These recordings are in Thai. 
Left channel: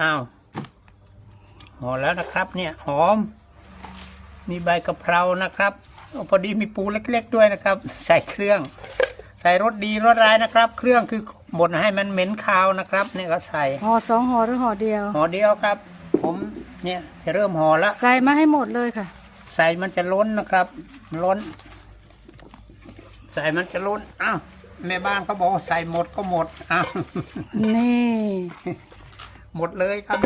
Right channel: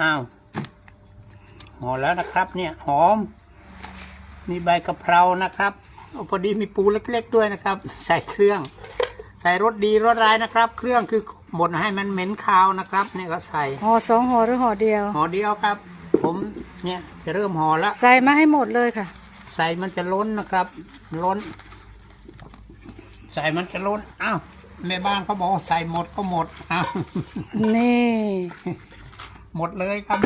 อ้าวห่อแล้วนะครับ เนี่ยหอม มีใบกะเพรานะครับโอ้พอดีมีปูเล็กๆด้วยนะครับ ใส่เครื่อง ใส่รสดีรสร้ายนะครับ เครื่องคือหมดให้มันเหม็นคาวนะครับเนี่ยก็ใส่ห่อสองห่อหรือห่อเดียวห่อเดียวครับ ผมเนี่ยจะเริ่มห่อแล้วใส่มาให้หมดเลยค่ะ ใส่มันจะล้นนะครับล้น ใส่มันจะล้นอ้าวแม่บ้านเขาบอกว่าใส่หมดก็หมดอ้าวนี่ หมดเลยครับ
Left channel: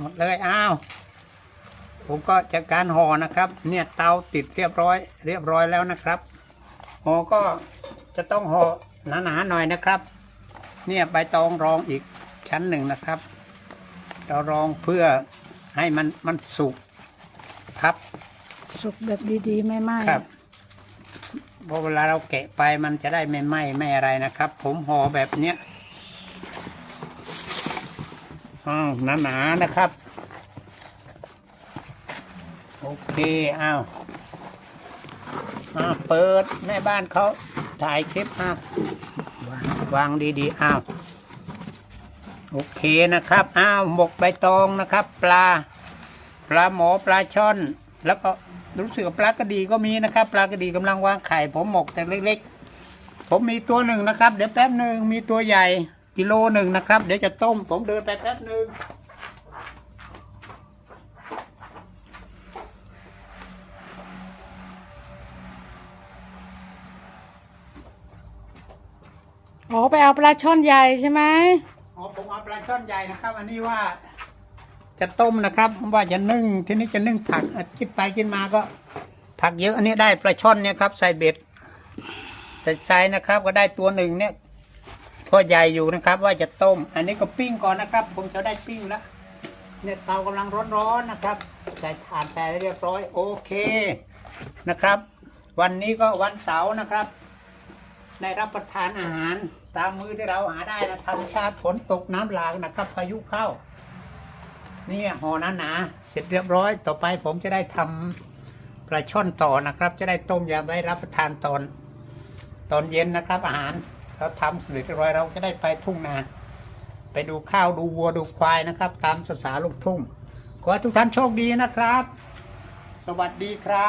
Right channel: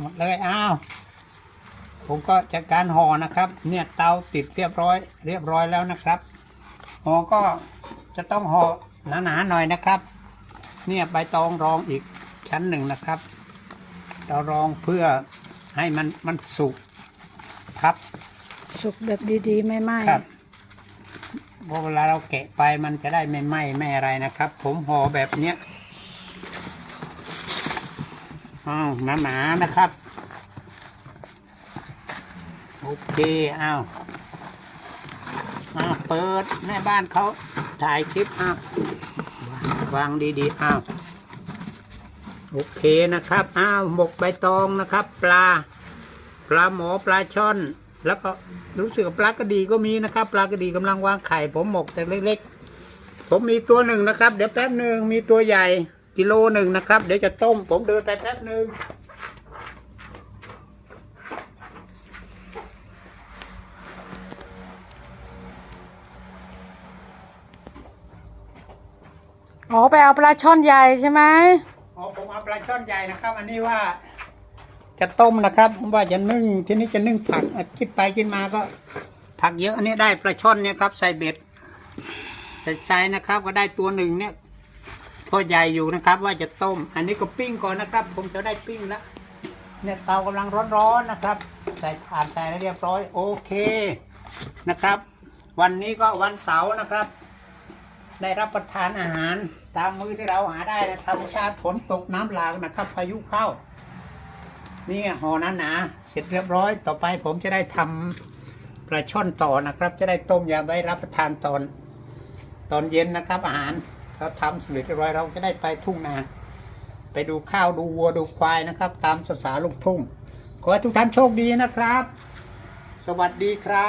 หมดเลยอ้าว ผมก็จัดการห่อนะครับ เนี่ยเตาติดเรียบร้อย เรียบร้อยแล้วนะครับห่อก็จะต้องห่อหนาๆหน่อยนะครับ เนี่ยใบตองรองอีกชั้นหนึ่งนะครับ เรารองเพื่อให้มันมันสุกพับสุกแบบดีๆ ไม่ไหม้ครับเพราะเวลาเราแกะไปมันจะได้ไม่ไหม้ไม่อะไรนะครับ ผมห่อแบบเนี้ย อ้าวหนาๆนะครับ โอเคอ้าวอ้าวเปิดแม่บ้านเขาถ่ายคลิปอ้าววางวางดีๆอ้าวโอเคนะครับอ้าวหมกใบตองนะครับ ปลา ปลาหมอปลาช่อน แล้วก็รู้สึกปลากระดีก็มีนะครับ ปลากระดีกำลังวางไข่ผมหมกแต่เล็ก ๆ ผมมีตัวหนึ่งนะครับ เดี๋ยวแป๊บหนึ่งมีตัวใหญ่ กิโลหนึ่งนะครับ เดี๋ยวจะต้ม ผมเดินไปแป๊บหนึ่งอ๋อไปเอาปลาช่อนใหญ่ใช่ไหมอ๋อผมเอาปลาช่อนใหญ่นะครับ อันนี้ว่า จะต้มนะครับ ว่าจะนึ่งทีนี้จะนึ่งผักอะคิดไปคิดมาก็ ผักเยอะอันนี้ได้ปลาช่อนเนี่ยครับ ใส่เบ็ดใส่ใส่นะครับ ก็ได้ตัวหนึ่งเนี่ย ตัวใหญ่อยู่นะครับ ว่าจะต้ม อันนี้ก็ปิ้งก่อนนะครับผมจะได้ปิ้งแล้วเนี่ยเตากำลังร้อนๆนะครับ ใส่ถ่านใส่เรียบร้อย โอเคนะครับ วันนี้ก็วันเสาร์นะครับ ได้รับประทานอาหาร ตามมือที่เราหาได้นะธรรมชาติฝนตกน้ำหลากนะครับ พายุเข้า นี่ห่อหนาๆเสร็จเรียบร้อย ต่อไปผมจะได้ทำปลาช่อนต่อนะครับ จะได้ต้มยำไว้รับประทานตอน ตอนเย็นนะครับอาหาร เราทำเสร็จเรียบร้อยเราจะได้ไปทุ่งนา ไปดูข้าวดูวัวดูควายนะครับ ตามภาษาลูกทุ่ง ขอให้ทุกท่านโชคดีนะครับ สวัสดีครับ